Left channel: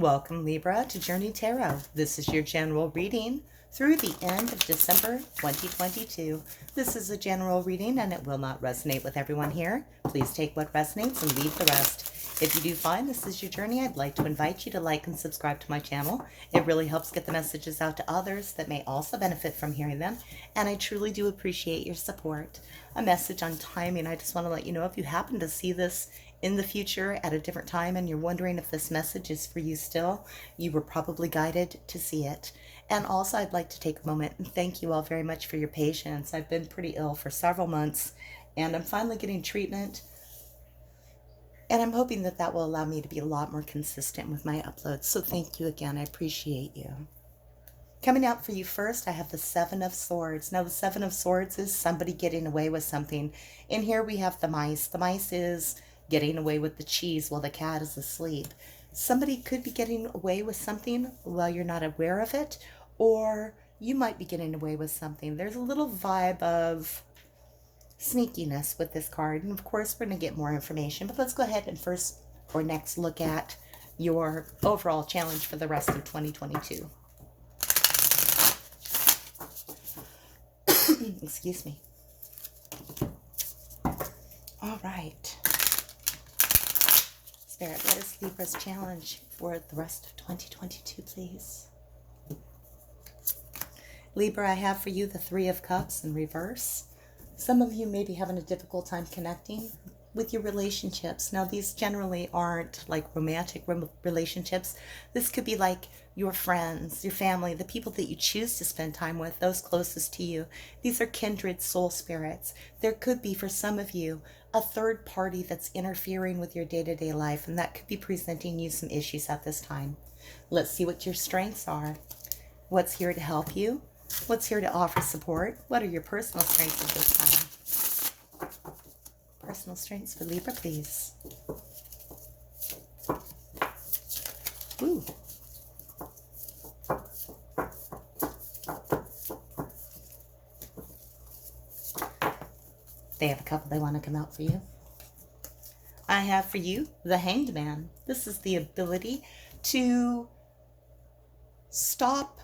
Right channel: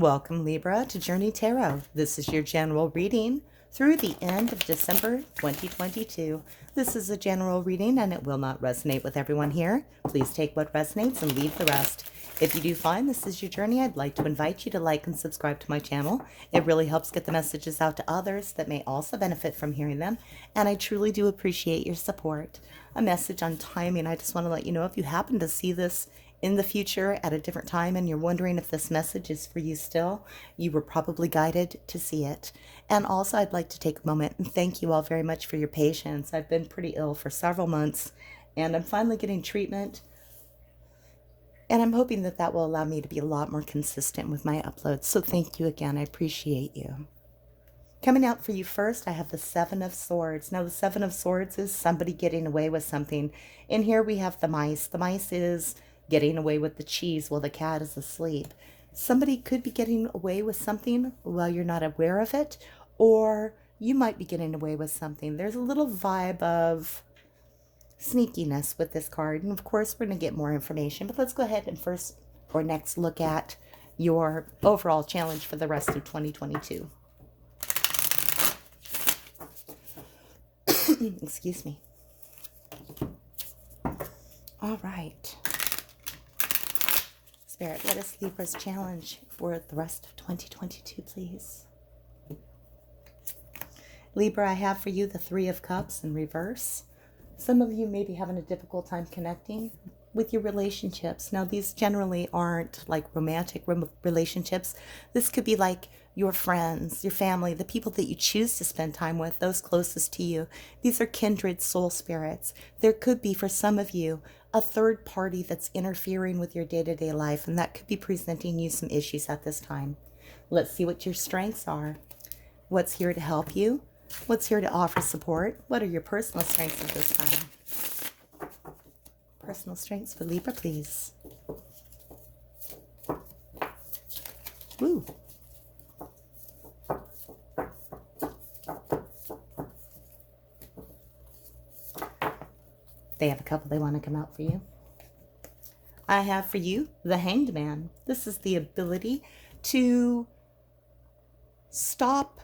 Welcome, Libra, to Journey Tarot. This is your general reading through the end of December 2022. This is a general reading and it will not resonate with everyone here. Please take what resonates and leave the rest. If you do find this is your journey, I'd like to invite you to like and subscribe to my channel. It really helps get the messages out to others that may also benefit from hearing them, and I truly do appreciate your support. A message on timing. I just want to let you know, if you happen to see this in the future at a different time and you're wondering if this message is for you still, you were probably guided to see it. And also, I'd like to take a moment and thank you all very much for your patience. I've been pretty ill for several months and I'm finally getting treatment, and I'm hoping that that will allow me to be a lot more consistent with my uploads. So thank you again. I appreciate you. Coming out for you first, I have the Seven of Swords. Now, the Seven of Swords is somebody getting away with something. In here we have the mice. The mice is getting away with the cheese while the cat is asleep. Somebody could be getting away with something while you're not aware of it, or you might be getting away with something. There's a little vibe of sneakiness with this card, and of course we're going to get more information, but let's go ahead and first or next look at your overall challenge for the rest of 2022. Excuse me. All right. Spirit, let us Libra's challenge for the rest of 2022, please. Libra, I have for you the Three of Cups in reverse. Some of you may be having a difficult time connecting with your relationships. Now, these generally aren't like romantic relationships. This could be like your friends, your family, the people that you choose to spend time with, those closest to you. These are kindred soul spirits. There could be, for some of you, a third party that's interfering with your day-to-day life, and that could be presenting you some issues at this time. Let's see what your strengths are. What's here to help you? What's here to offer support? What are your personal strengths at this time? Personal strengths for Libra, please. Ooh. They have a couple they want to come out for you. I have for you the Hanged Man. This is the ability to stop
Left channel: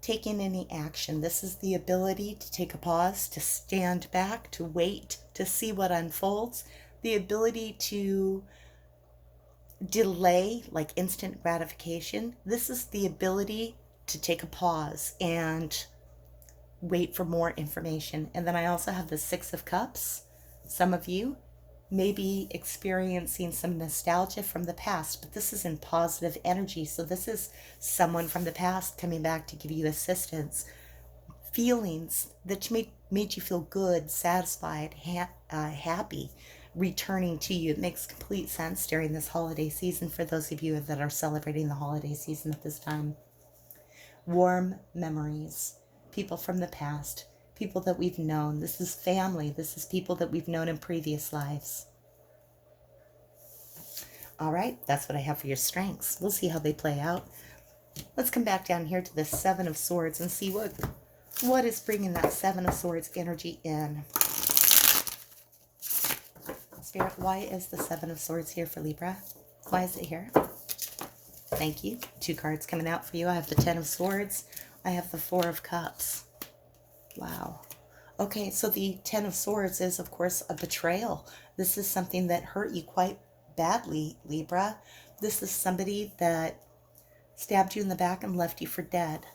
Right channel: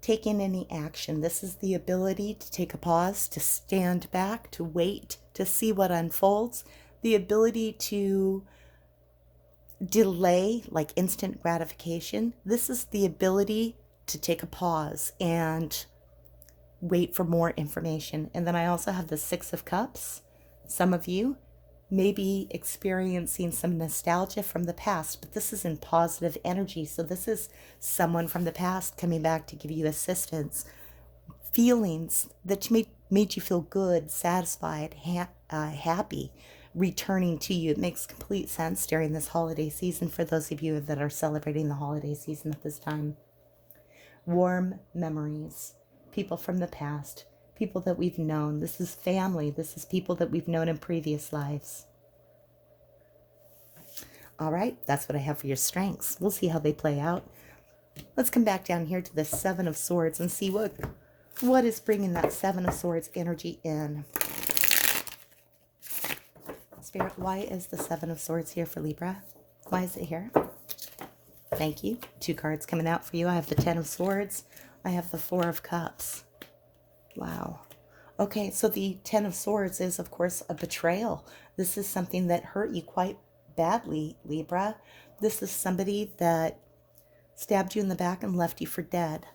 taking any action. This is the ability to take a pause, to stand back, to wait, to see what unfolds. The ability to delay, like instant gratification. This is the ability to take a pause and wait for more information. And then I also have the Six of Cups. Some of you may be experiencing some nostalgia from the past, but this is in positive energy. So this is someone from the past coming back to give you assistance. Feelings that made you feel good, satisfied, happy, returning to you. It makes complete sense during this holiday season for those of you that are celebrating the holiday season at this time. Warm memories, people from the past, people that we've known. This is family. This is people that we've known in previous lives. All right, that's what I have for your strengths. We'll see how they play out. Let's come back down here to the Seven of Swords and see what is bringing that Seven of Swords energy in. Spirit, why is the Seven of Swords here for Libra? Why is it here? Thank you. Two cards coming out for you. I have the Ten of Swords. I have the Four of Cups. Wow. Okay, so the Ten of Swords is, of course, a betrayal. This is something that hurt you quite badly, Libra. This is somebody that stabbed you in the back and left you for dead.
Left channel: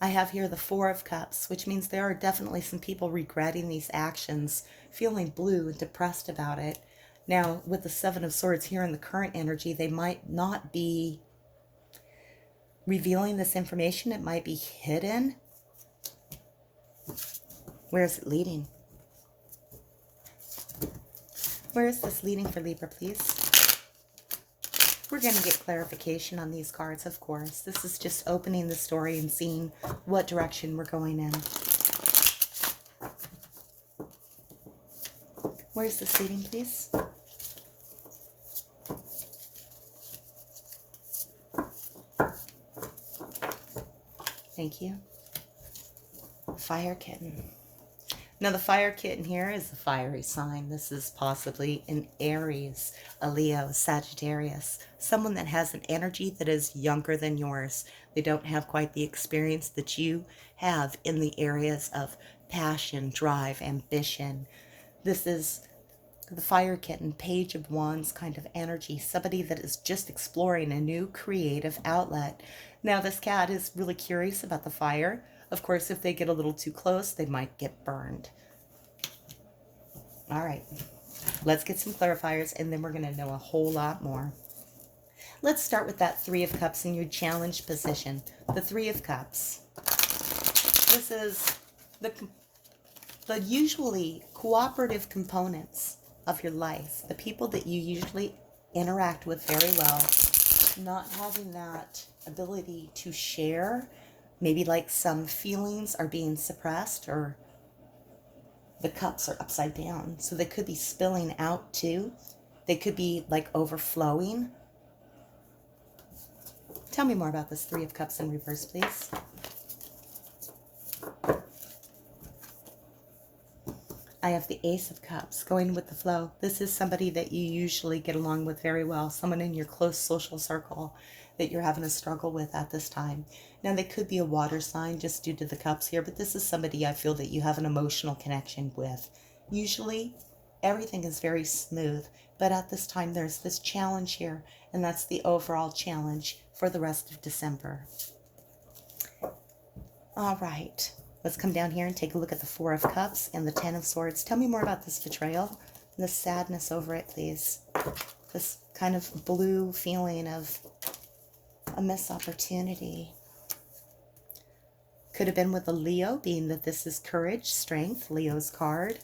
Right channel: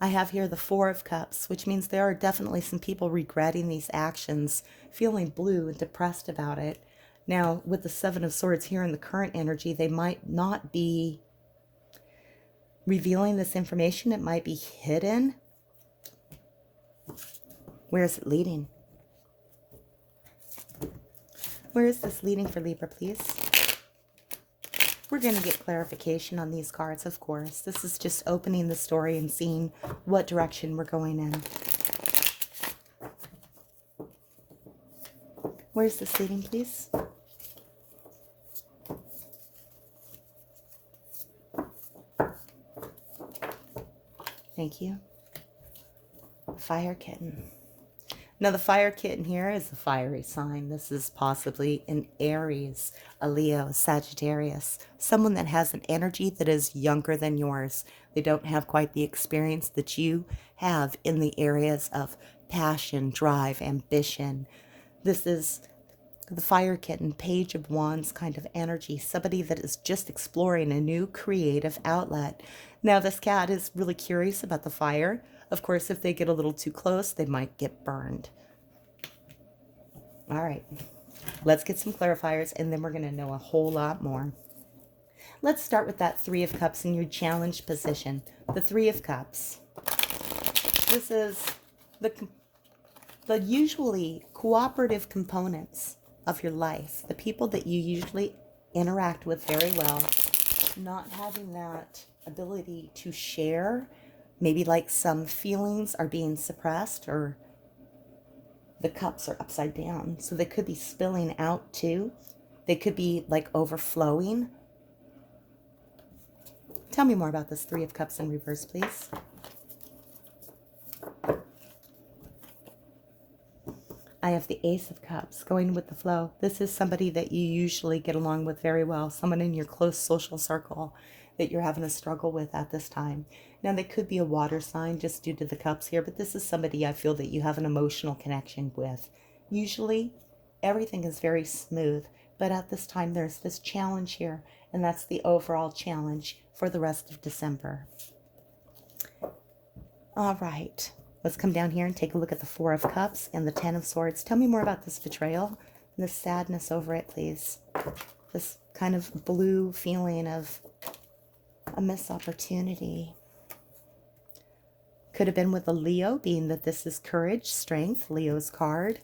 I have here the Four of Cups, which means there are definitely some people regretting these actions, feeling blue and depressed about it. Now, with the Seven of Swords here in the current energy, they might not be revealing this information. It might be hidden. Where is it leading? Where is this leading for Libra, please? We're going to get clarification on these cards, of course. This is just opening the story and seeing what direction we're going in. Where's this leading, please? Thank you. Fire Kitten. Now, the fire kitten here is the fiery sign. This is possibly an Aries, a Leo, Sagittarius, someone that has an energy that is younger than yours. They don't have quite the experience that you have in the areas of passion, drive, ambition. This is the fire kitten, page of wands kind of energy, somebody that is just exploring a new creative outlet. Now, this cat is really curious about the fire. Of course, if they get a little too close, they might get burned. All right, let's get some clarifiers, and then we're going to know a whole lot more. Let's start with that Three of Cups in your challenge position. The Three of Cups. This is the usually cooperative components of your life, the people that you usually interact with very well, not having that ability to share. Maybe like some feelings are being suppressed, or the cups are upside down. So they could be spilling out too. They could be like overflowing. Tell me more about this Three of Cups in reverse, please. I have the Ace of Cups going with the flow. This is somebody that you usually get along with very well, someone in your close social circle that you're having a struggle with at this time. Now, they could be a water sign just due to the cups here, but this is somebody I feel that you have an emotional connection with. Usually, everything is very smooth, but at this time, there's this challenge here, and that's the overall challenge for the rest of December. All right. Let's come down here and take a look at the Four of Cups and the Ten of Swords. Tell me more about this betrayal and the sadness over it, please. This kind of blue feeling of a missed opportunity. Could have been with a Leo, being that this is courage, strength, Leo's card.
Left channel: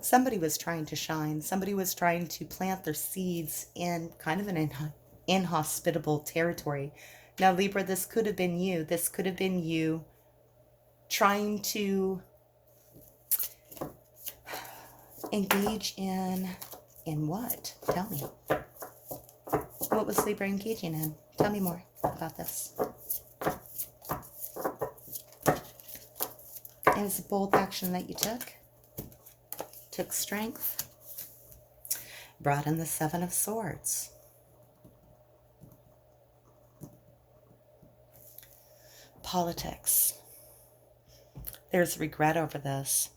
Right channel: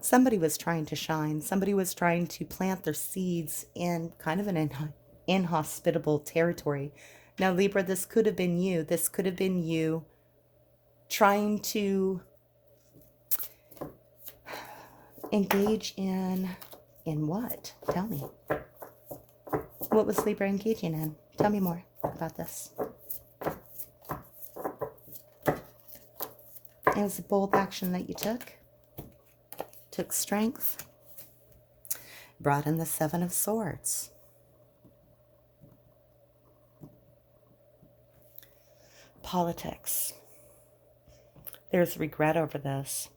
Somebody was trying to shine. Somebody was trying to plant their seeds in kind of an inhospitable territory. Now, Libra, this could have been you. This could have been you trying to engage in what? Tell me. What was Libra engaging in? Tell me more about this. It was a bold action that you took strength, brought in the Seven of Swords. Politics. There's regret over this.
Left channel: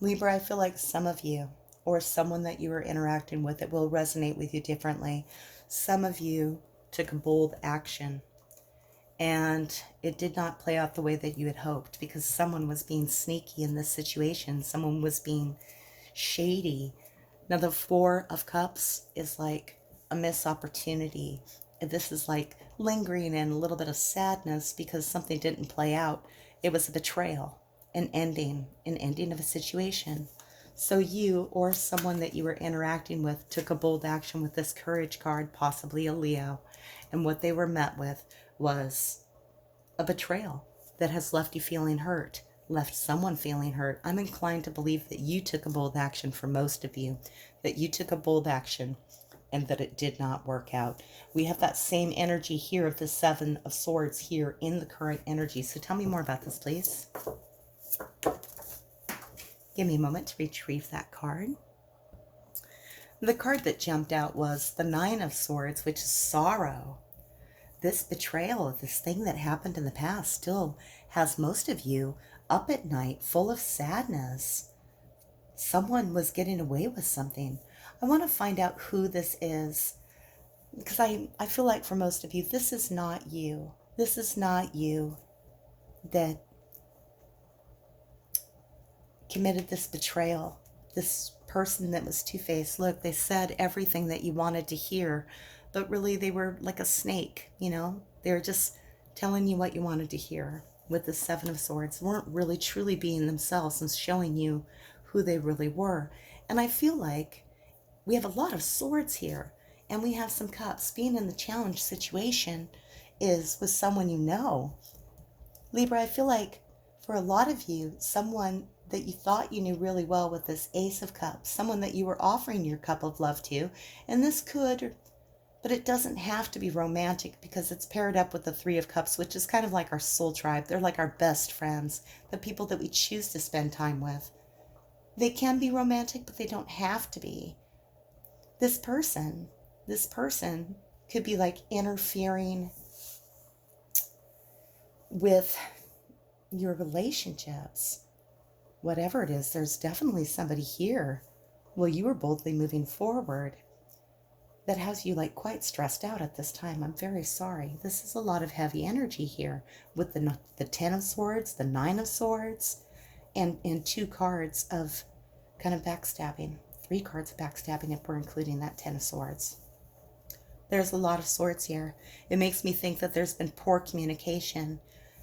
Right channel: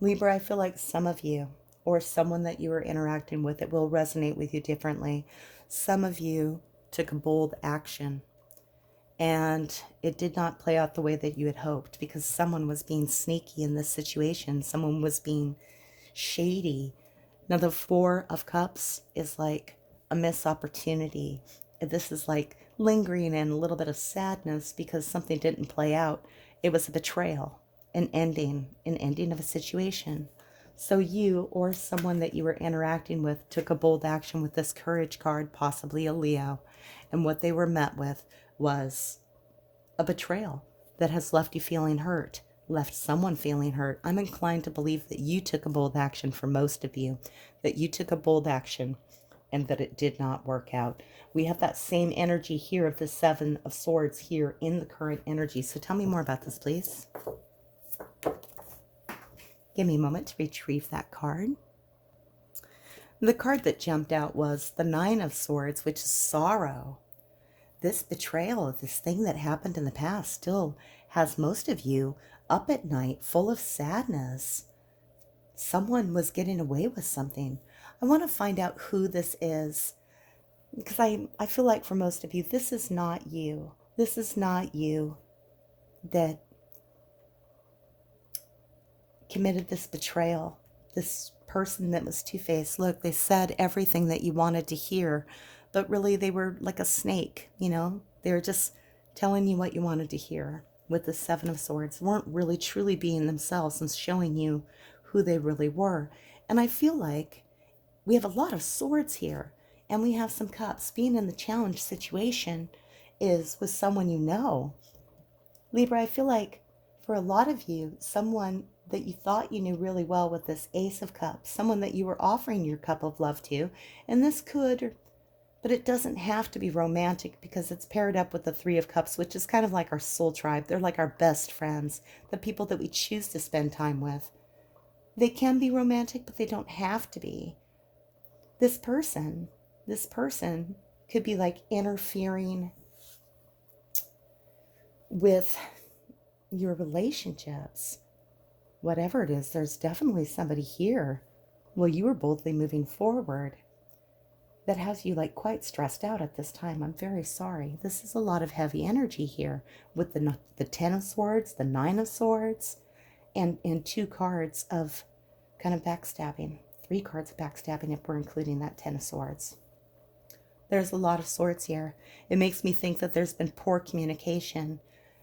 Libra, I feel like some of you, or someone that you are interacting with, it will resonate with you differently. Some of you took a bold action, and it did not play out the way that you had hoped, because someone was being sneaky in this situation. Someone was being shady. Now, the Four of Cups is like a missed opportunity. This is like lingering in a little bit of sadness because something didn't play out. It was a betrayal, an ending of a situation. So you or someone that you were interacting with took a bold action with this courage card, possibly a Leo. And what they were met with was a betrayal that has left you feeling hurt, left someone feeling hurt. I'm inclined to believe that you took a bold action, for most of you, that you took a bold action and that it did not work out. We have that same energy here of the Seven of Swords here in the current energy. So tell me more about this, please. Give me a moment to retrieve that card. The card that jumped out was the Nine of Swords, which is sorrow. This betrayal of this thing that happened in the past still has most of you up at night, full of sadness. Someone was getting away with something. I want to find out who this is, because I feel like for most of you, this is not you. This is not you that committed this betrayal. This person that was two-faced. Look, they said everything that you wanted to hear, but really they were like a snake, you know? They were just telling you what you wanted to hear with the Seven of Swords. They weren't really truly being themselves and showing you who they really were. And I feel like we have a lot of swords here, and we have some cups. Being in the challenge situation is with someone you know. Libra, I feel like for a lot of you, someone that you thought you knew really well with this Ace of Cups, someone that you were offering your cup of love to, and this could, but it doesn't have to be romantic because it's paired up with the Three of Cups, which is kind of like our soul tribe. They're like our best friends, the people that we choose to spend time with. They can be romantic, but they don't have to be. This person could be like interfering with your relationships. Whatever it is, there's definitely somebody here while you were boldly moving forward that has you like quite stressed out at this time. I'm very sorry. This is a lot of heavy energy here with the Ten of Swords, the Nine of Swords, and 2 cards of kind of backstabbing. 3 cards of backstabbing if we're including that Ten of Swords. There's a lot of swords here. It makes me think that there's been poor communication.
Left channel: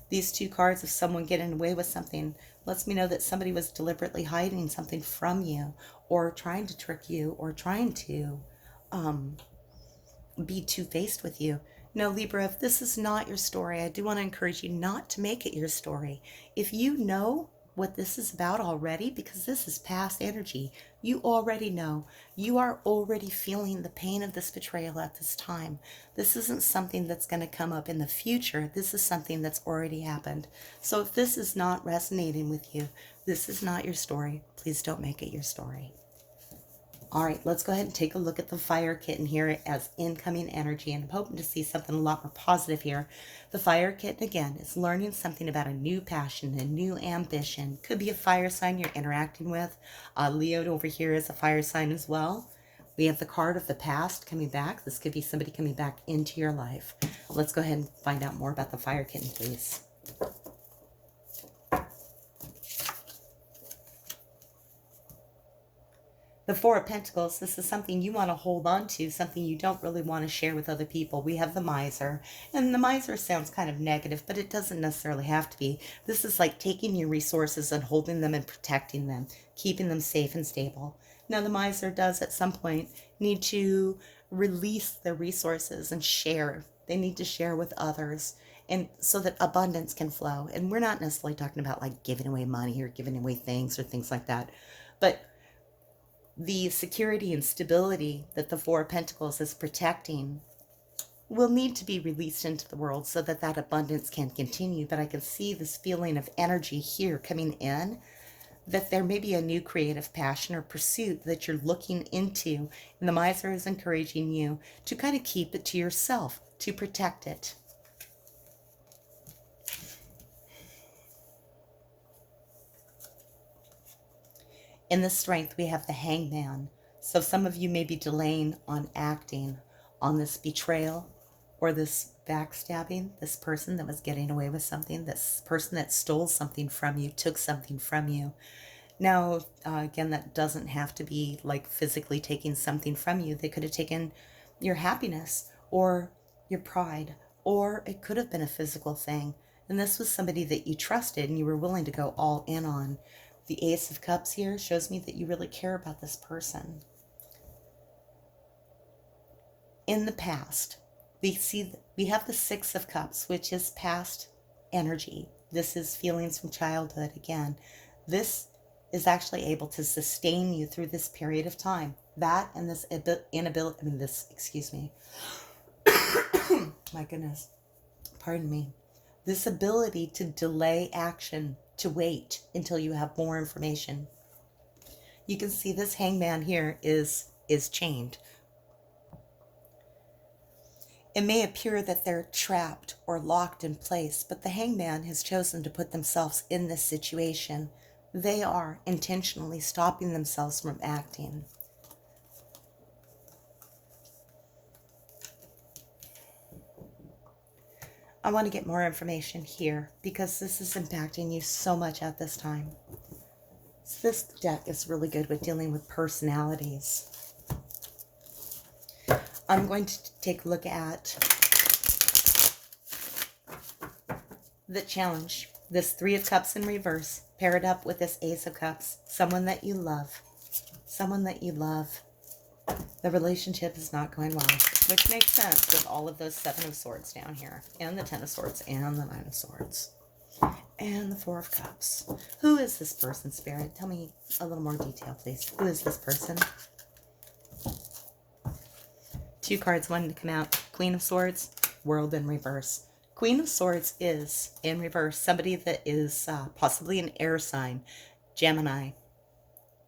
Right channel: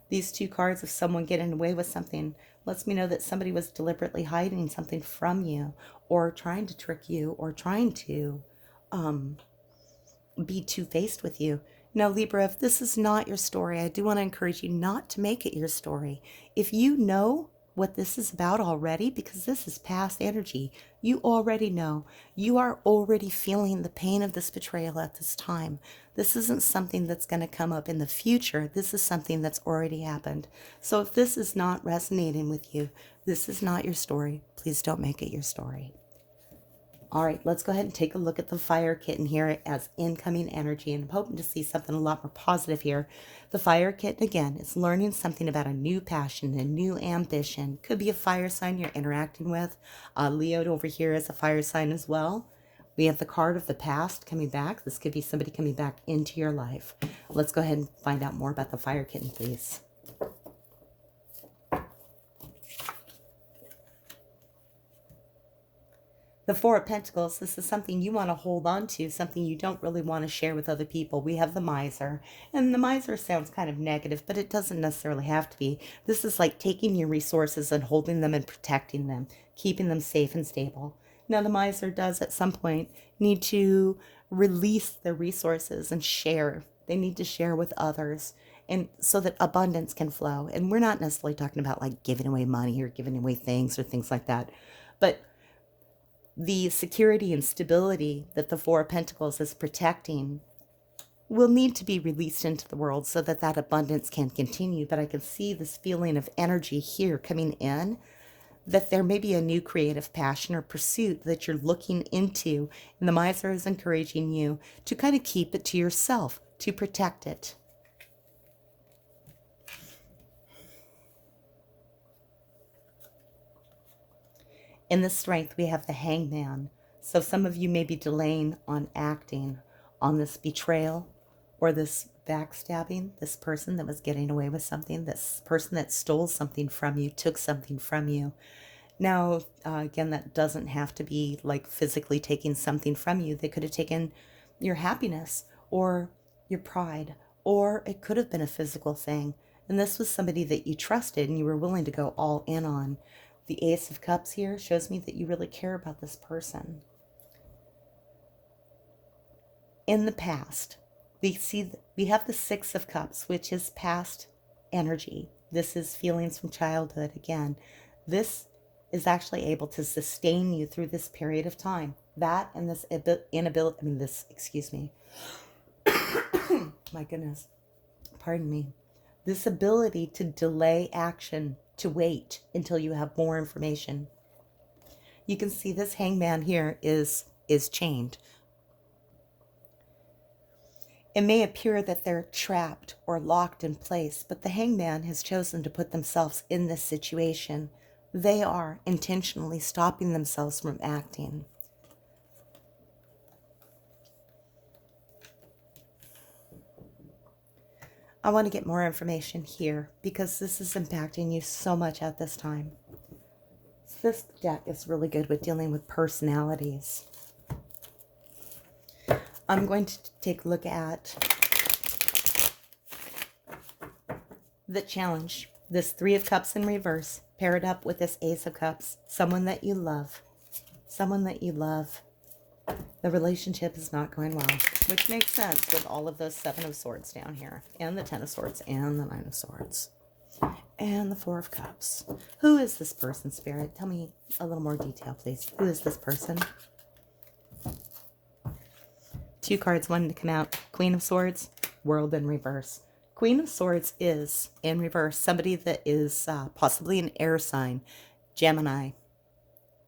These 2 cards of someone getting away with something lets me know that somebody was deliberately hiding something from you, or trying to trick you, or trying to be two-faced with you. Now, Libra, if this is not your story, I do want to encourage you not to make it your story. If you know what this is about already, because this is past energy, you already know. You are already feeling the pain of this betrayal at this time. This isn't something that's going to come up in the future. This is something that's already happened. So if this is not resonating with you, this is not your story. Please don't make it your story. All right, let's go ahead and take a look at the Fire Kitten here as incoming energy, and I'm hoping to see something a lot more positive here. The Fire Kitten, again, is learning something about a new passion, a new ambition. Could be a fire sign you're interacting with. Leo over here is a fire sign as well. We have the card of the past coming back. This could be somebody coming back into your life. Let's go ahead and find out more about the Fire Kitten, please. The Four of Pentacles, this is something you want to hold on to, something you don't really want to share with other people. We have the Miser, and the Miser sounds kind of negative, but it doesn't necessarily have to be. This is like taking your resources and holding them and protecting them, keeping them safe and stable. Now, the Miser does at some point need to release their resources and share. They need to share with others, and so that abundance can flow. And we're not necessarily talking about like giving away money or giving away things or things like that, but the security and stability that the Four of Pentacles is protecting will need to be released into the world so that that abundance can continue. But I can see this feeling of energy here coming in, that there may be a new creative passion or pursuit that you're looking into. And the Miser is encouraging you to kind of keep it to yourself, to protect it. In the Strength, we have the Hangman. So some of you may be delaying on acting on this betrayal or this backstabbing, this person that was getting away with something, this person that stole something from you, took something from you. Now, again, that doesn't have to be like physically taking something from you. They could have taken your happiness or your pride, or it could have been a physical thing. And this was somebody that you trusted and you were willing to go all in on. The Ace of Cups here shows me that you really care about this person. In the past, we have the Six of Cups, which is past energy. This is feelings from childhood again. This is actually able to sustain you through this period of time. That and this excuse me. My goodness. Pardon me. This ability to delay action, to wait until you have more information. You can see this Hangman here is chained. It may appear that they're trapped or locked in place, but the Hangman has chosen to put themselves in this situation. They are intentionally stopping themselves from acting. I want to get more information here because this is impacting you so much at this time. So this deck is really good with dealing with personalities. I'm going to take a look at the challenge. This Three of Cups in reverse, pair it up with this Ace of Cups. Someone that you love. Someone that you love. The relationship is not going well, which makes sense with all of those Seven of Swords down here, and the Ten of Swords, and the Nine of Swords, and the Four of Cups. Who is this person, Spirit? Tell me a little more detail, please. Who is this person? 2 cards wanting to come out. Queen of Swords, World in reverse. Queen of Swords is, in reverse, somebody that is possibly an air sign, Gemini,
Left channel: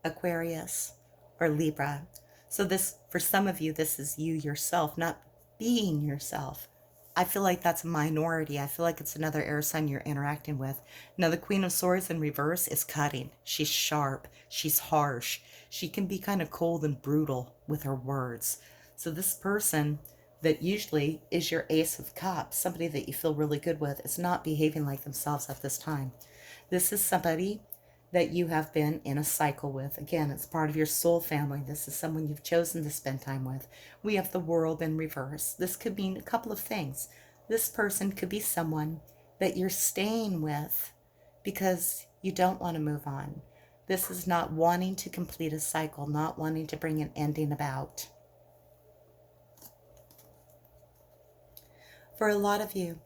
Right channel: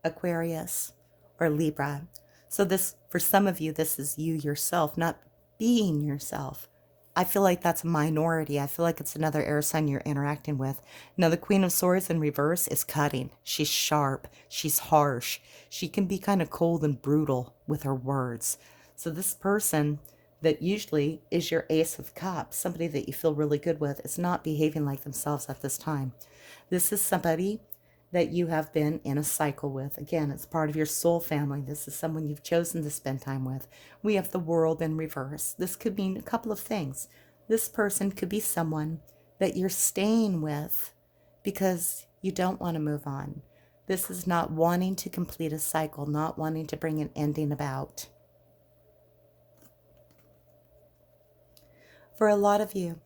Aquarius, or Libra. So this, for some of you, this is you yourself, not being yourself. I feel like that's a minority. I feel like it's another air sign you're interacting with. Now, the Queen of Swords in reverse is cutting. She's sharp. She's harsh. She can be kind of cold and brutal with her words. So this person that usually is your Ace of Cups, somebody that you feel really good with, is not behaving like themselves at this time. This is somebody that you have been in a cycle with. Again, it's part of your soul family. This is someone you've chosen to spend time with. We have the World in reverse. This could mean a couple of things. This person could be someone that you're staying with because you don't want to move on. This is not wanting to complete a cycle, not wanting to bring an ending about. For a lot of you,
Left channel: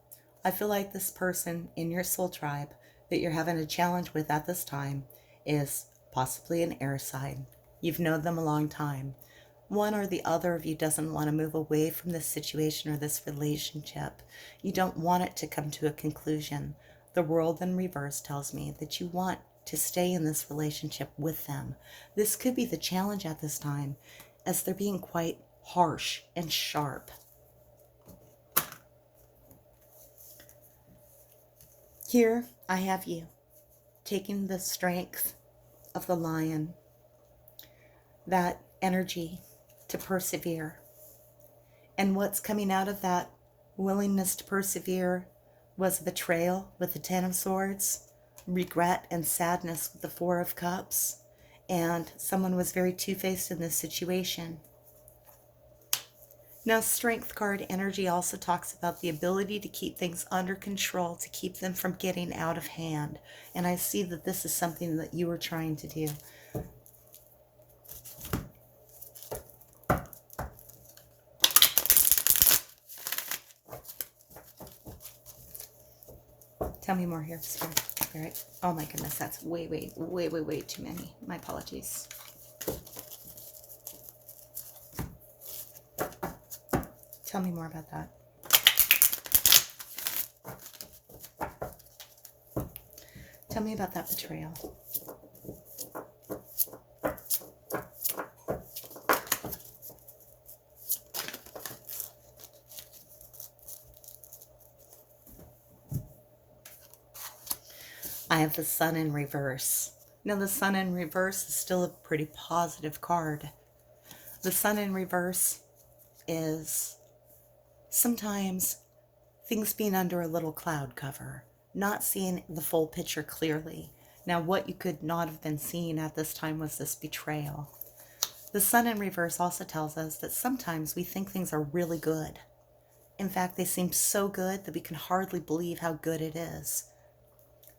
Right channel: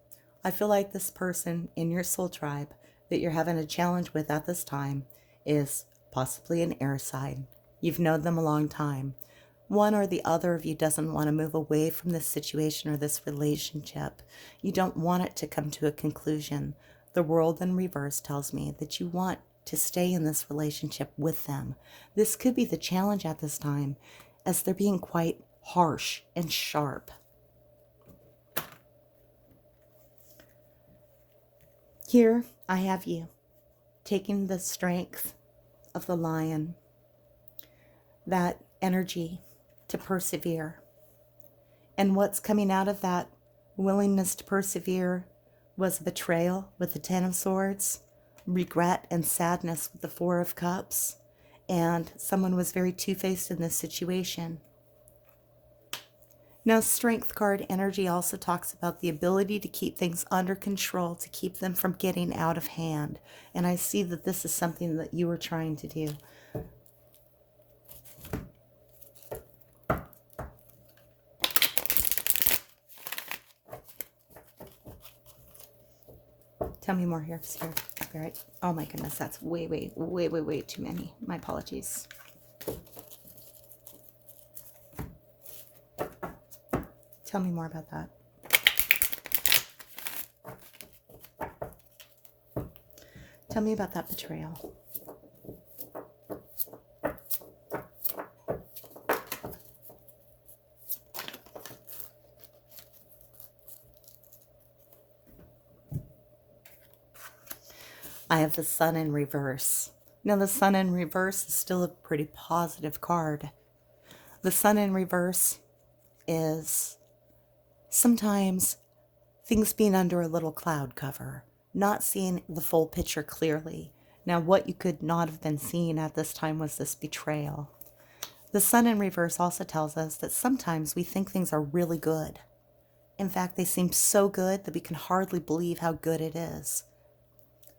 I feel like this person in your soul tribe that you're having a challenge with at this time is possibly an air sign. You've known them a long time. One or the other of you doesn't want to move away from this situation or this relationship. You don't want it to come to a conclusion. The World in reverse tells me that you want to stay in this relationship with them. This could be the challenge at this time, as they're being quite harsh and sharp. Here I have you taking the strength of the lion, that energy to persevere. And what's coming out of that willingness to persevere was betrayal with the Ten of Swords, regret and sadness with the Four of Cups, and someone was very two-faced in this situation. Now, Strength card energy also talks about the ability to keep things under control, to keep them from getting out of hand. And I see that this is something that you are trying to do. Tell me more here, Spirit. Spirit. Oh my goodness, that's way too many. My apologies. Tell me more about that. Tell me about that betrayal. I have the Sun in reverse. Now, the Sun in reverse is still a pretty positive card. The Sun in reverse is sometimes things being under a little cloud cover, not seeing the full picture clearly. Now, what you could not have been seeing at this time was this betrayal. The Sun in reverse also tells us that sometimes we think things are really good. In fact, they seem so good that we can hardly believe how good it is.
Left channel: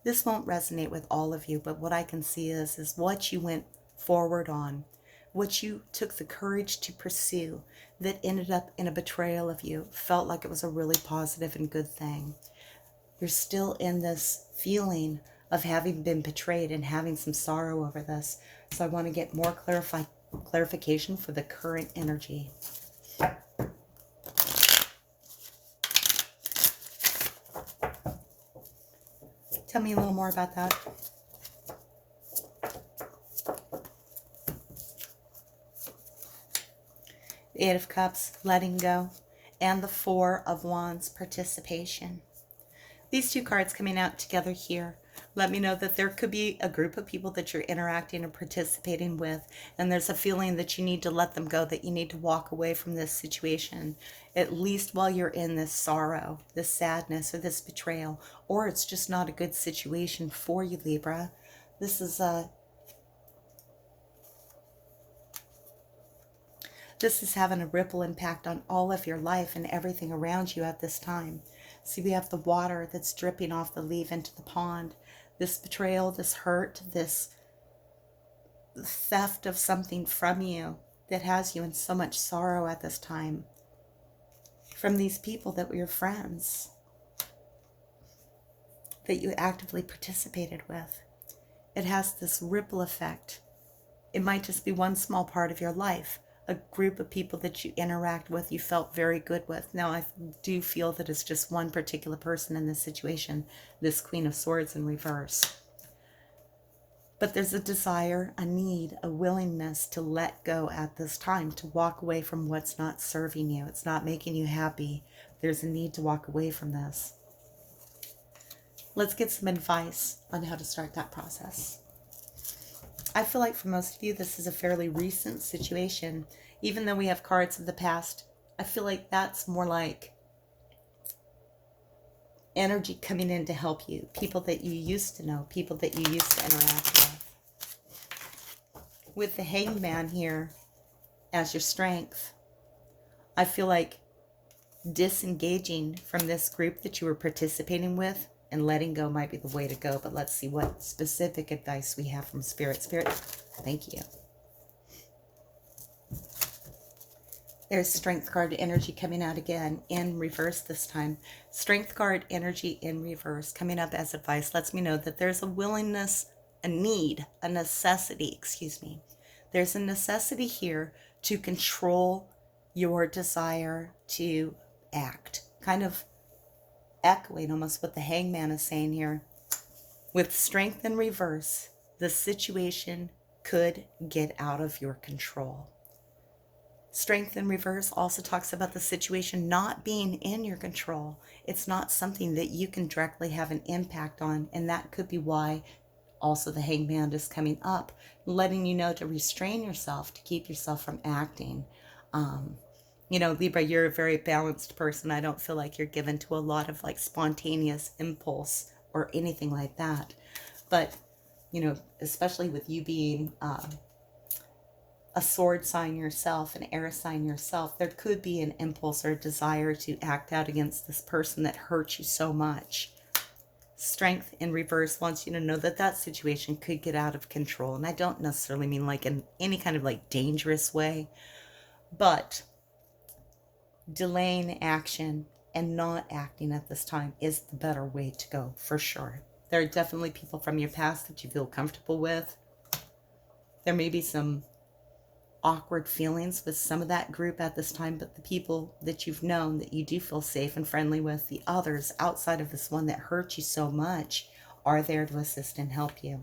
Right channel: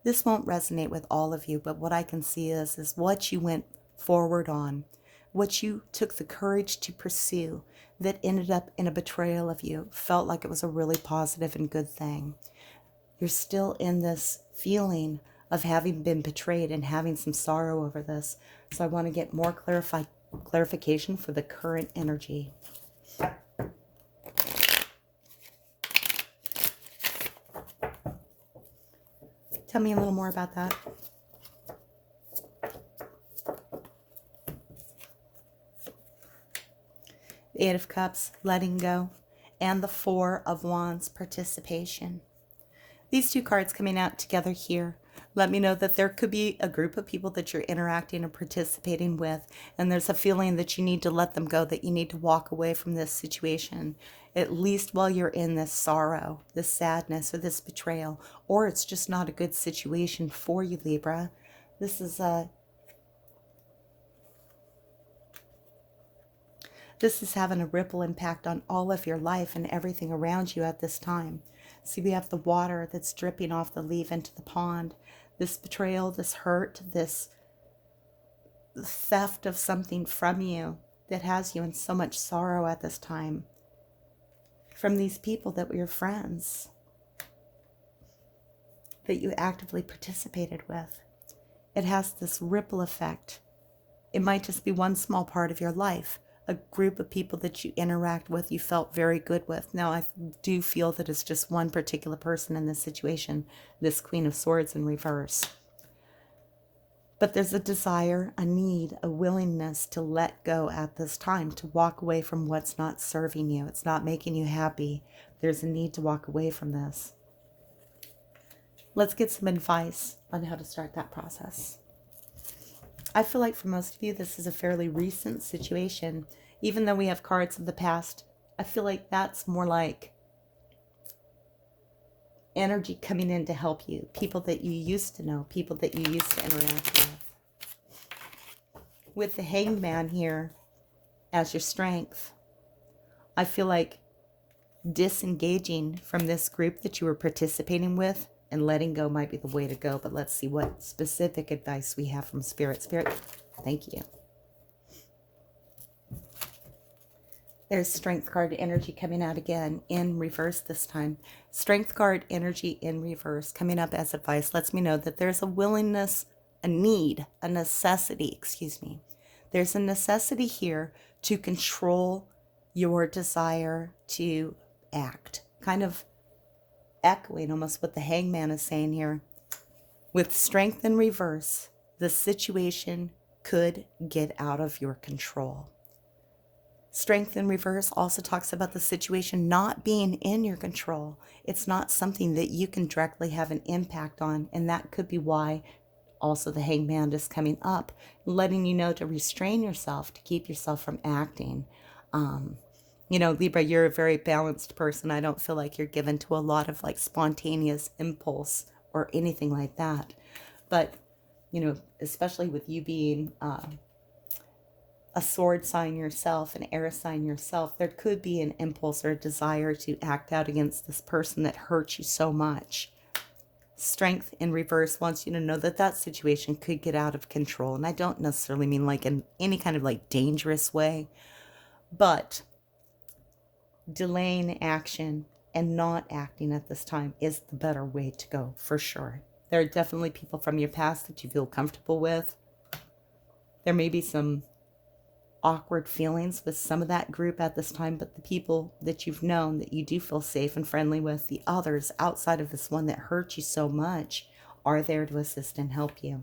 This won't resonate with all of you, but what I can see is what you went forward on, what you took the courage to pursue that ended up in a betrayal of you, felt like it was a really positive and good thing. You're still in this feeling of having been betrayed and having some sorrow over this. So I want to get more clarification for the current energy. Tell me a little more about that. The Eight of Cups, letting go, and the Four of Wands, participation. These two cards coming out together here let me know that there could be a group of people that you're interacting and participating with, and there's a feeling that you need to let them go, that you need to walk away from this situation, at least while you're in this sorrow, this sadness, or this betrayal, or it's just not a good situation for you, Libra. This is having a ripple impact on all of your life and everything around you at this time. See, we have the water that's dripping off the leaf into the pond. This betrayal, this hurt, this theft of something from you that has you in so much sorrow at this time. From these people that were your friends, that you actively participated with. It has this ripple effect. It might just be one small part of your life, a group of people that you interact with, you felt very good with. Now, I do feel that it's just one particular person in this situation, this Queen of Swords in reverse. But there's a desire, a need, a willingness to let go at this time, to walk away from what's not serving you. It's not making you happy. There's a need to walk away from this. Let's get some advice on how to start that process. I feel like for most of you, this is a fairly recent situation. Even though we have cards of the past, I feel like that's more like energy coming in to help you. People that you used to know, people that you used to interact with. With the Hanged Man here as your strength, I feel like disengaging from this group that you were participating with and letting go might be the way to go. But let's see what specific advice we have from Spirit. Spirit, thank you. There's Strength card energy coming out again in reverse this time. Strength card energy in reverse coming up as advice lets me know that there's a willingness, a need, a necessity, excuse me. There's a necessity here to control your desire to act. Kind of echoing almost what the Hangman is saying here. With Strength in reverse, the situation could get out of your control. Strength in reverse also talks about the situation not being in your control. It's not something that you can directly have an impact on, and that could be why also the Hangman is coming up, letting you know to restrain yourself, to keep yourself from acting. You know, Libra, you're a very balanced person. I don't feel like you're given to a lot of like spontaneous impulse or anything like that. But, you know, especially with you being a sword sign yourself, an air sign yourself, there could be an impulse or a desire to act out against this person that hurt you so much. Strength in reverse wants you to know that that situation could get out of control. And I don't necessarily mean like in any kind of like dangerous way, but delaying action and not acting at this time is the better way to go, for sure. There are definitely people from your past that you feel comfortable with. There may be some awkward feelings with some of that group at this time, but the people that you've known that you do feel safe and friendly with, the others outside of this one that hurt you so much, are there to assist and help you.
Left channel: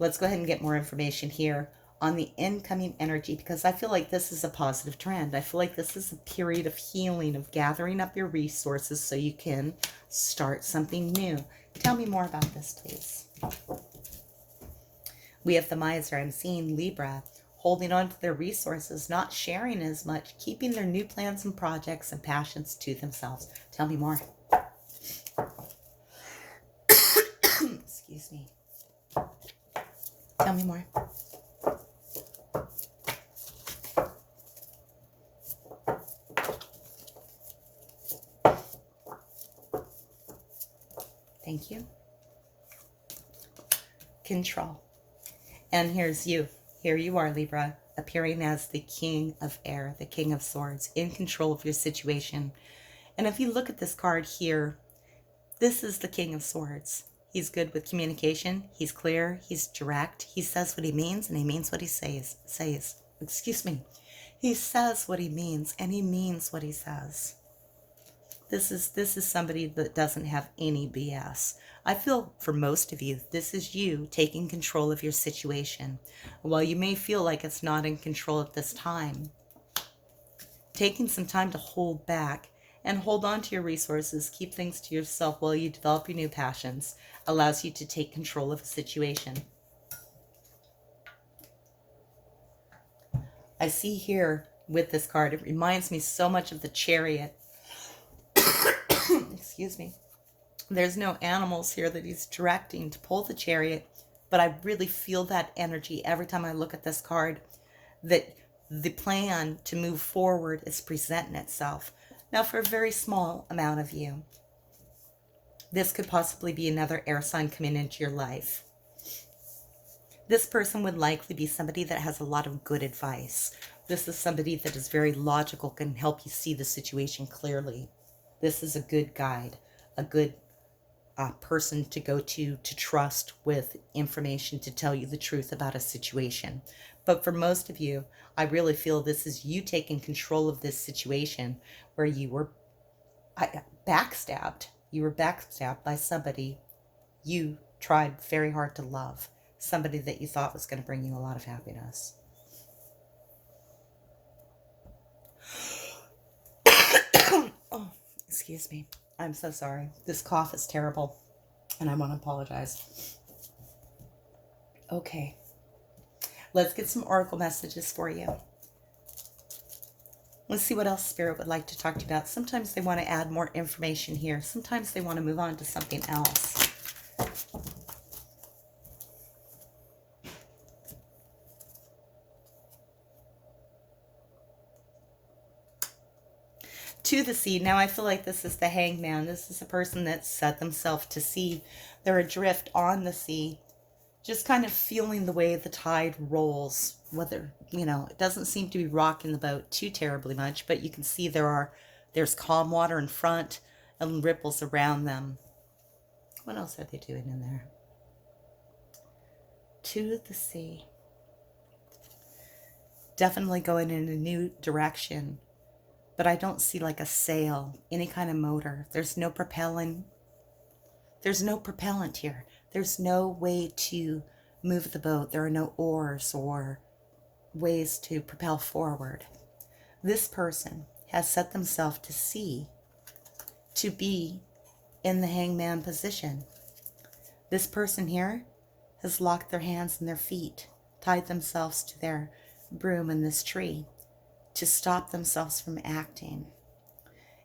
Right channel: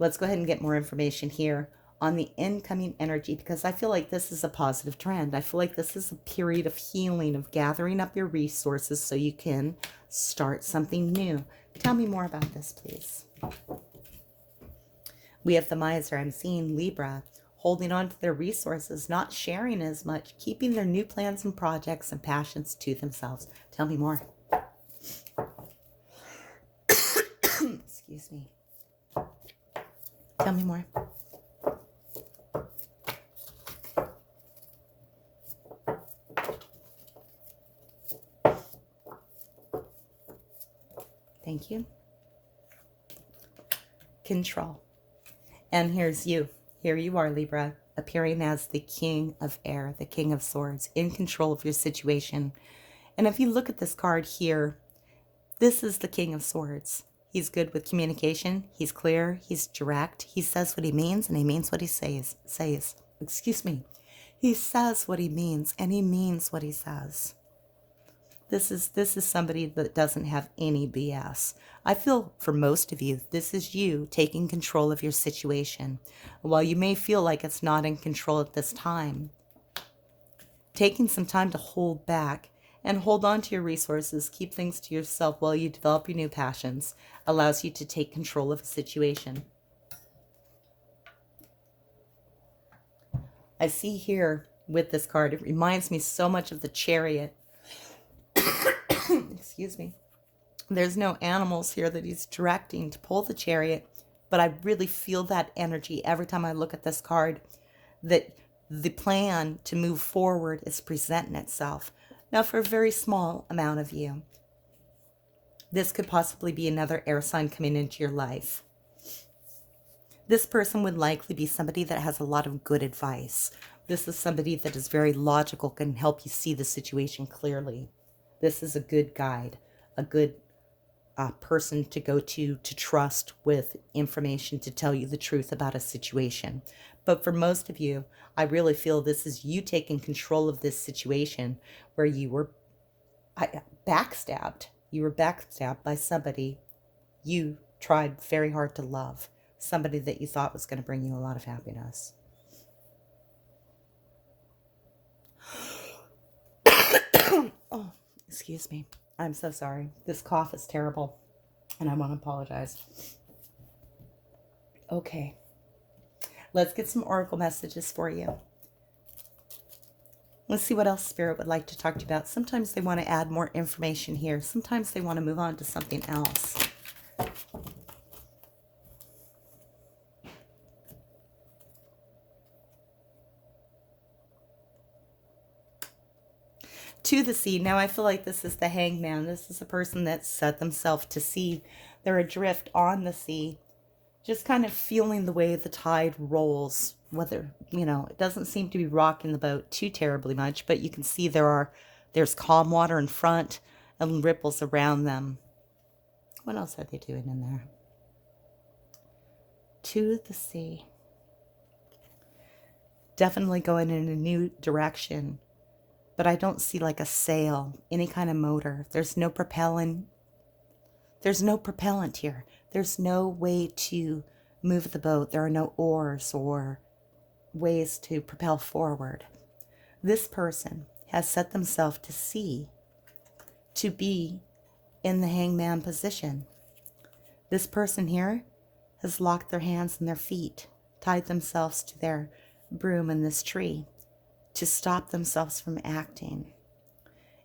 Let's go ahead and get more information here on the incoming energy, because I feel like this is a positive trend. I feel like this is a period of healing, of gathering up your resources so you can start something new. Tell me more about this, please. We have the Miser. I'm seeing Libra holding on to their resources, not sharing as much, keeping their new plans and projects and passions to themselves. Tell me more. Excuse me. Tell me more. Thank you. Control. And here's you. Here you are, Libra, appearing as the King of Air, the King of Swords, in control of your situation. And if you look at this card here, this is the King of Swords. He's good with communication. He's clear. He's direct. He says what he means, and he means what he says. Excuse me. He says what he means, and he means what he says. This is somebody that doesn't have any BS. I feel for most of you, this is you taking control of your situation. While you may feel like it's not in control at this time, taking some time to hold back and hold on to your resources, keep things to yourself while you develop your new passions, allows you to take control of a situation. I see here with this card, it reminds me so much of the Chariot. Excuse me. There's no animals here that he's directing to pull the chariot, but I really feel that energy every time I look at this card, that the plan to move forward is presenting itself. Now, for a very small amount of you, this could possibly be another air sign coming into your life. This person would likely be somebody that has a lot of good advice. This is somebody that is very logical, can help you see the situation clearly. This is a good guide, a good person to go to trust with information to tell you the truth about a situation. But for most of you, I really feel this is you taking control of this situation where you were backstabbed. You were backstabbed by somebody you tried very hard to love. somebody that you thought was going to bring you a lot of happiness. Oh, excuse me. I'm so sorry. This cough is terrible, and I want to apologize. Okay. Let's get some oracle messages for you. Let's see what else Spirit would like to talk to you about. Sometimes they want to add more information here. Sometimes they want to move on to something else. To the sea. Now I feel like this is the hangman. This is a person that set themselves to sea. They're adrift on the sea, just kind of feeling the way the tide rolls. Whether, it doesn't seem to be rocking the boat too terribly much, but you can see there's calm water in front and ripples around them. What else are they doing in there? To the sea. Definitely going in a new direction. But I don't see like a sail, any kind of motor. There's no propellant. There's no propellant here. There's no way to move the boat. There are no oars or ways to propel forward. This person has set themselves to sea, to be in the hangman position. This person here has locked their hands and their feet, tied themselves to their broom in this tree, to stop themselves from acting.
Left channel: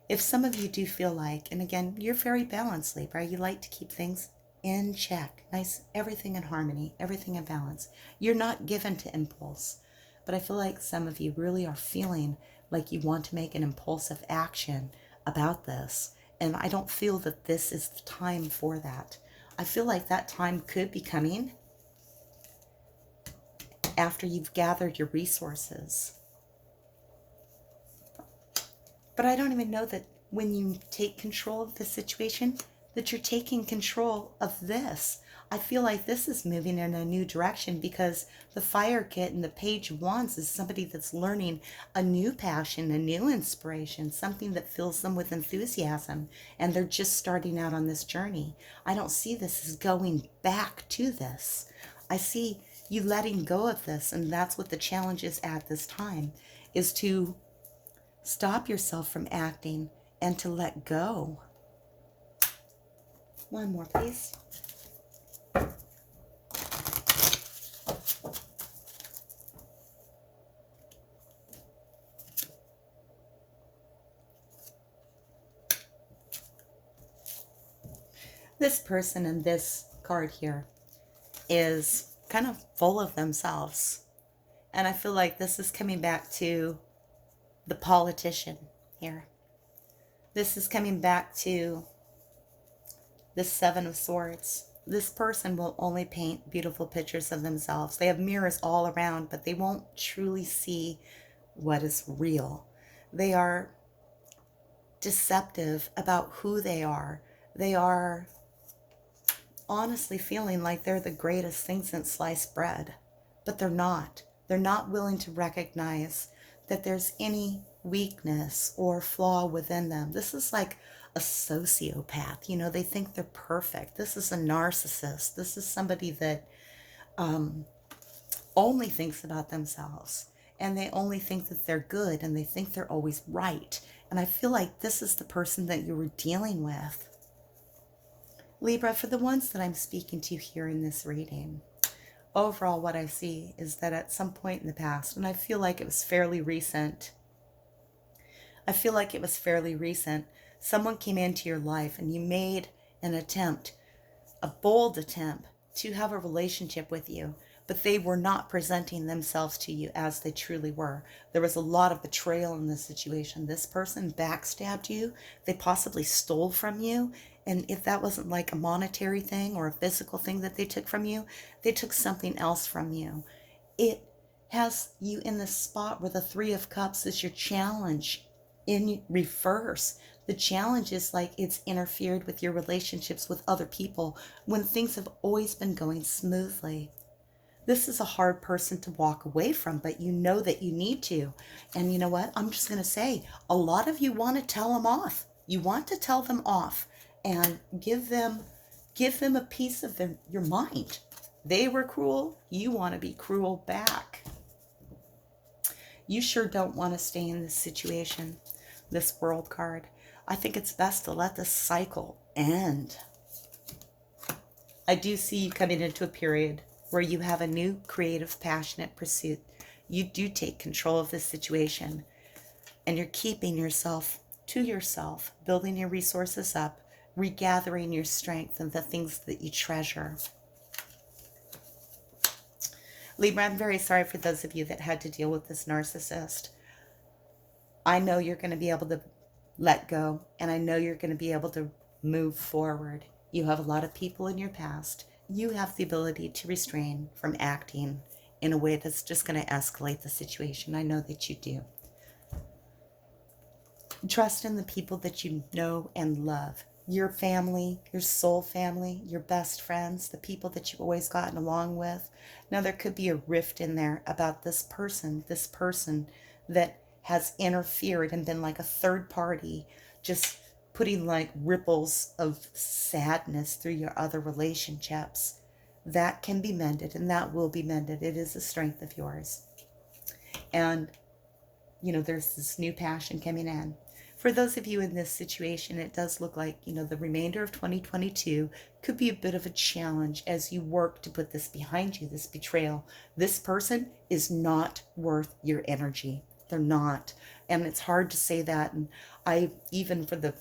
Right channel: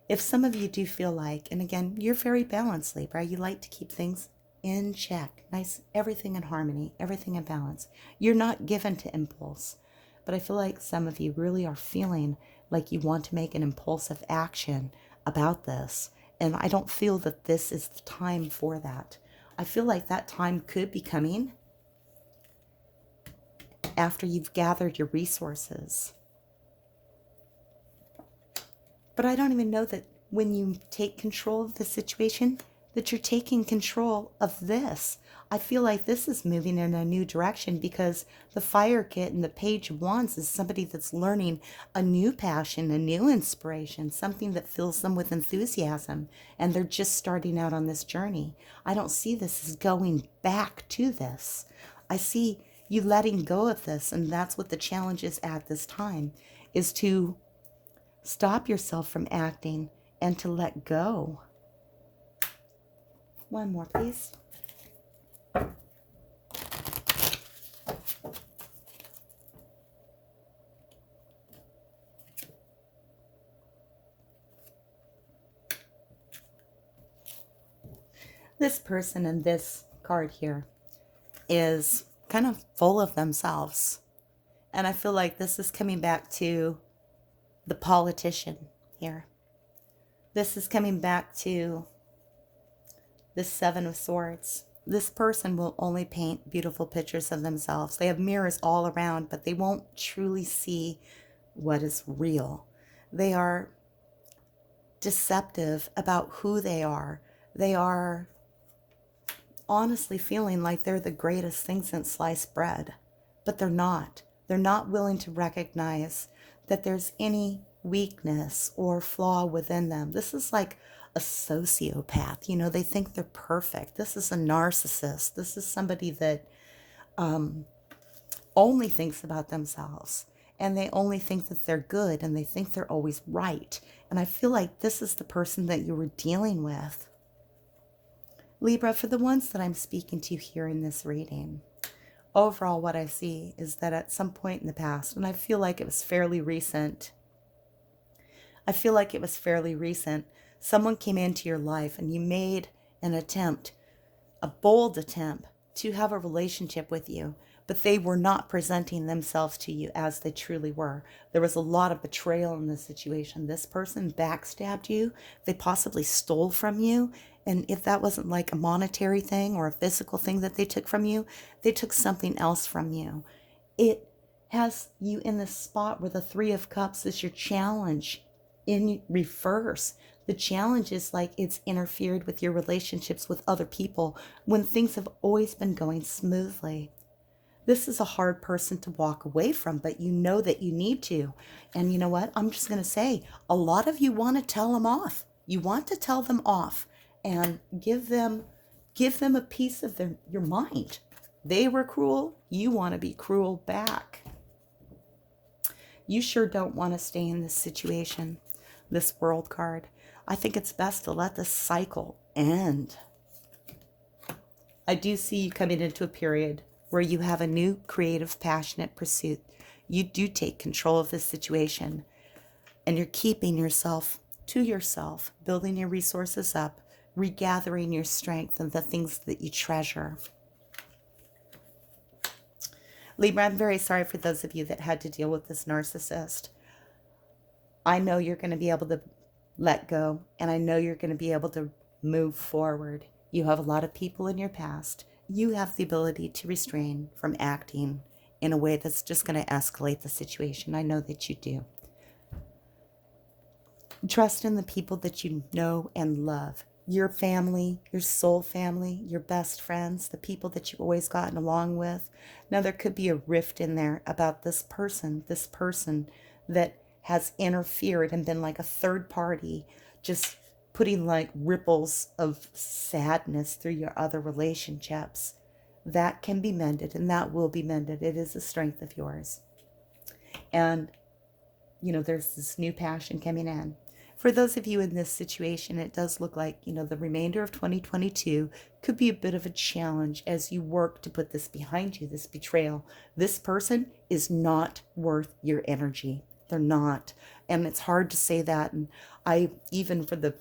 If some of you do feel like, and again, you're very balanced, Libra, you like to keep things in check, nice, everything in harmony, everything in balance. You're not given to impulse, but I feel like some of you really are feeling like you want to make an impulsive action about this, and I don't feel that this is the time for that. I feel like that time could be coming after you've gathered your resources. But I don't even know that when you take control of the situation, that you're taking control of this. I feel like this is moving in a new direction because the Fire Kit and the Page of Wands is somebody that's learning a new passion, a new inspiration, something that fills them with enthusiasm, and they're just starting out on this journey. I don't see this as going back to this. I see you letting go of this, and that's what the challenge is at this time, is to stop yourself from acting and to let go. One more, please. This person in this card here is kind of full of themselves. And I feel like this is coming back to the politician here. This is coming back to the Seven of Swords. This person will only paint beautiful pictures of themselves. They have mirrors all around, but they won't truly see what is real. They are deceptive about who they are. They are honestly feeling like they're the greatest thing since sliced bread, but they're not. They're not willing to recognize that there's any weakness or flaw within them. This is like a sociopath. They think they're perfect. This is a narcissist. This is somebody that only thinks about themselves, and they only think that they're good, and they think they're always right. And I feel like this is the person that you were dealing with. Libra, for the ones that I'm speaking to here in this reading, overall what I see is that at some point in the past, and I feel like it was fairly recent, someone came into your life and you made an attempt, a bold attempt, to have a relationship with you, but they were not presenting themselves to you as they truly were. There was a lot of betrayal in this situation. This person backstabbed you. They possibly stole from you. And if that wasn't like a monetary thing or a physical thing that they took from you, they took something else from you. It has you in the spot where the Three of Cups is your challenge in reverse. The challenge is like it's interfered with your relationships with other people when things have always been going smoothly. This is a hard person to walk away from, but you know that you need to. And you know what? I'm just going to say, a lot of you want to tell them off. You want to tell them off and give them a piece of your mind. They were cruel. You want to be cruel back. You sure don't want to stay in this situation, this World card. I think it's best to let this cycle end. I do see you coming into a period where you have a new creative, passionate pursuit. You do take control of this situation, and you're keeping yourself to yourself, building your resources up, regathering your strength and the things that you treasure. Libra, I'm very sorry for those of you that had to deal with this narcissist. I know you're going to be able to let go, and I know you're going to be able to move forward. You have a lot of people in your past. You have the ability to restrain from acting in a way that's just going to escalate the situation. I know that you do. Trust in the people that you know and love. Your family, your soul family, your best friends, the people that you've always gotten along with. Now, there could be a rift in there about this person that has interfered and been like a third party, just putting like ripples of sadness through your other relationships. That can be mended, and that will be mended. It is a strength of yours. And, you know, there's this new passion coming in. For those of you in this situation, it does look like, you know, the remainder of 2022 could be a bit of a challenge as you work to put this behind you, this betrayal. This person is not worth your energy. They're not. And it's hard to say that. And even for the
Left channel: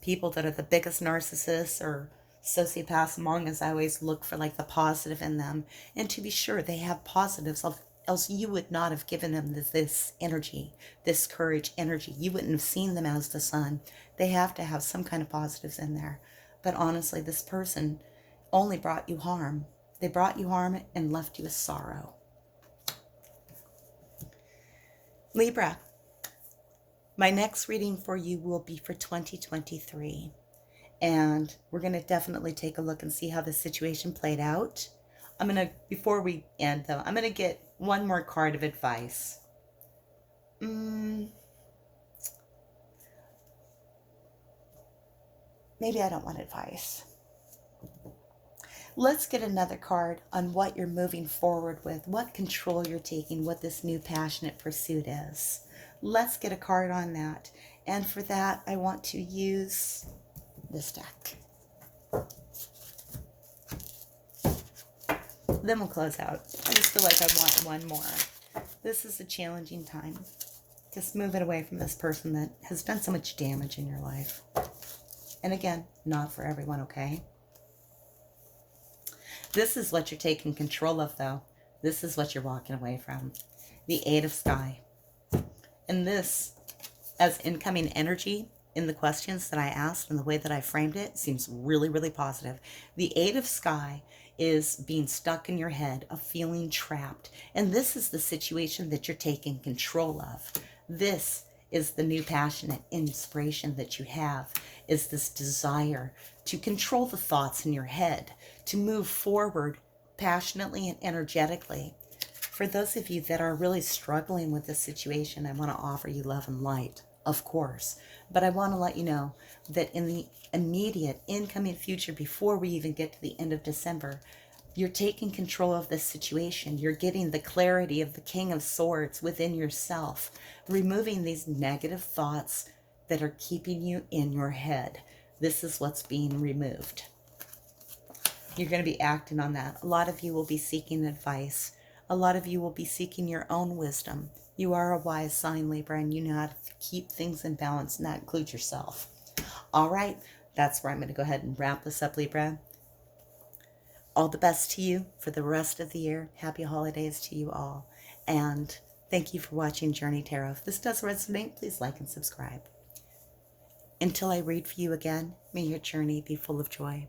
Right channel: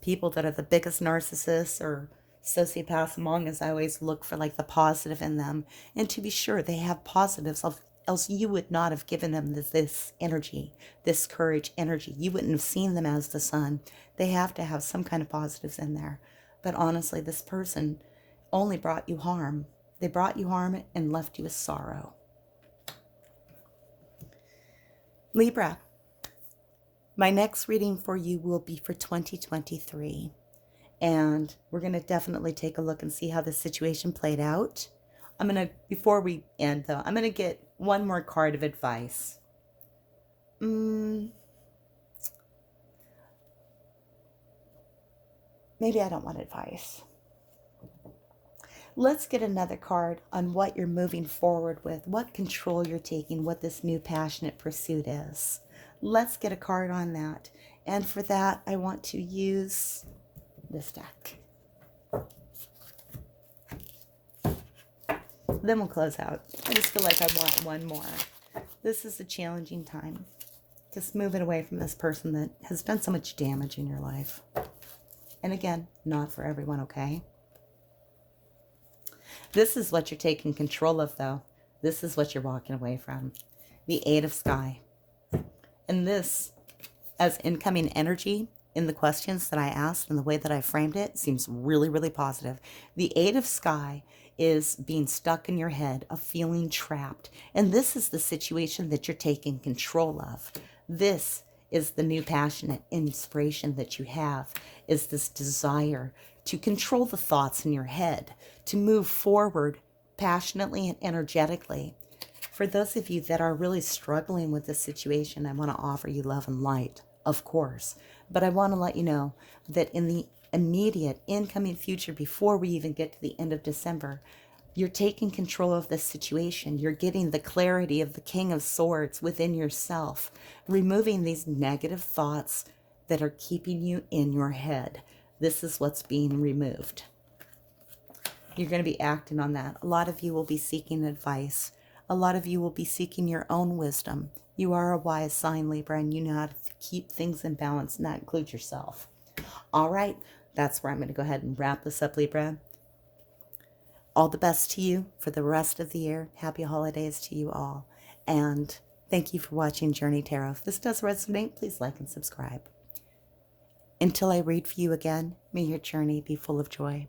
people that are the biggest narcissists or sociopaths among us, I always look for like the positive in them. And to be sure, they have positives, else you would not have given them this energy, this courage energy. You wouldn't have seen them as the sun. They have to have some kind of positives in there. But honestly, this person only brought you harm. They brought you harm and left you with sorrow. Libra, my next reading for you will be for 2023. And we're going to definitely take a look and see how the situation played out. Before we end though, I'm going to get one more card of advice. Maybe I don't want advice. Let's get another card on what you're moving forward with, what control you're taking, what this new passionate pursuit is. Let's get a card on that. And for that, I want to use this deck. Then we'll close out. I just feel like I want one more. This is a challenging time. Just moving away from this person that has done so much damage in your life. And again, not for everyone, okay? This is what you're taking control of, though. This is what you're walking away from. The Eight of Sky. And this, as incoming energy in the questions that I asked and the way that I framed it, seems really, really positive. The Eight of Sky is being stuck in your head, of feeling trapped. And this is the situation that you're taking control of. This is the new passionate inspiration that you have, is this desire to control the thoughts in your head, to move forward passionately and energetically. For those of you that are really struggling with this situation, I want to offer you love and light, of course. But I want to let you know that in the immediate incoming future, before we even get to the end of December, you're taking control of this situation. You're getting the clarity of the King of Swords within yourself, removing these negative thoughts that are keeping you in your head. This is what's being removed. You're going to be acting on that. A lot of you will be seeking advice. A lot of you will be seeking your own wisdom. You are a wise sign, Libra, and you know how to keep things in balance, and that includes yourself. All right, that's where I'm going to go ahead and wrap this up, Libra. All the best to you for the rest of the year. Happy holidays to you all. And thank you for watching Journey Tarot. If this does resonate, please like and subscribe. Until I read for you again, may your journey be full of joy.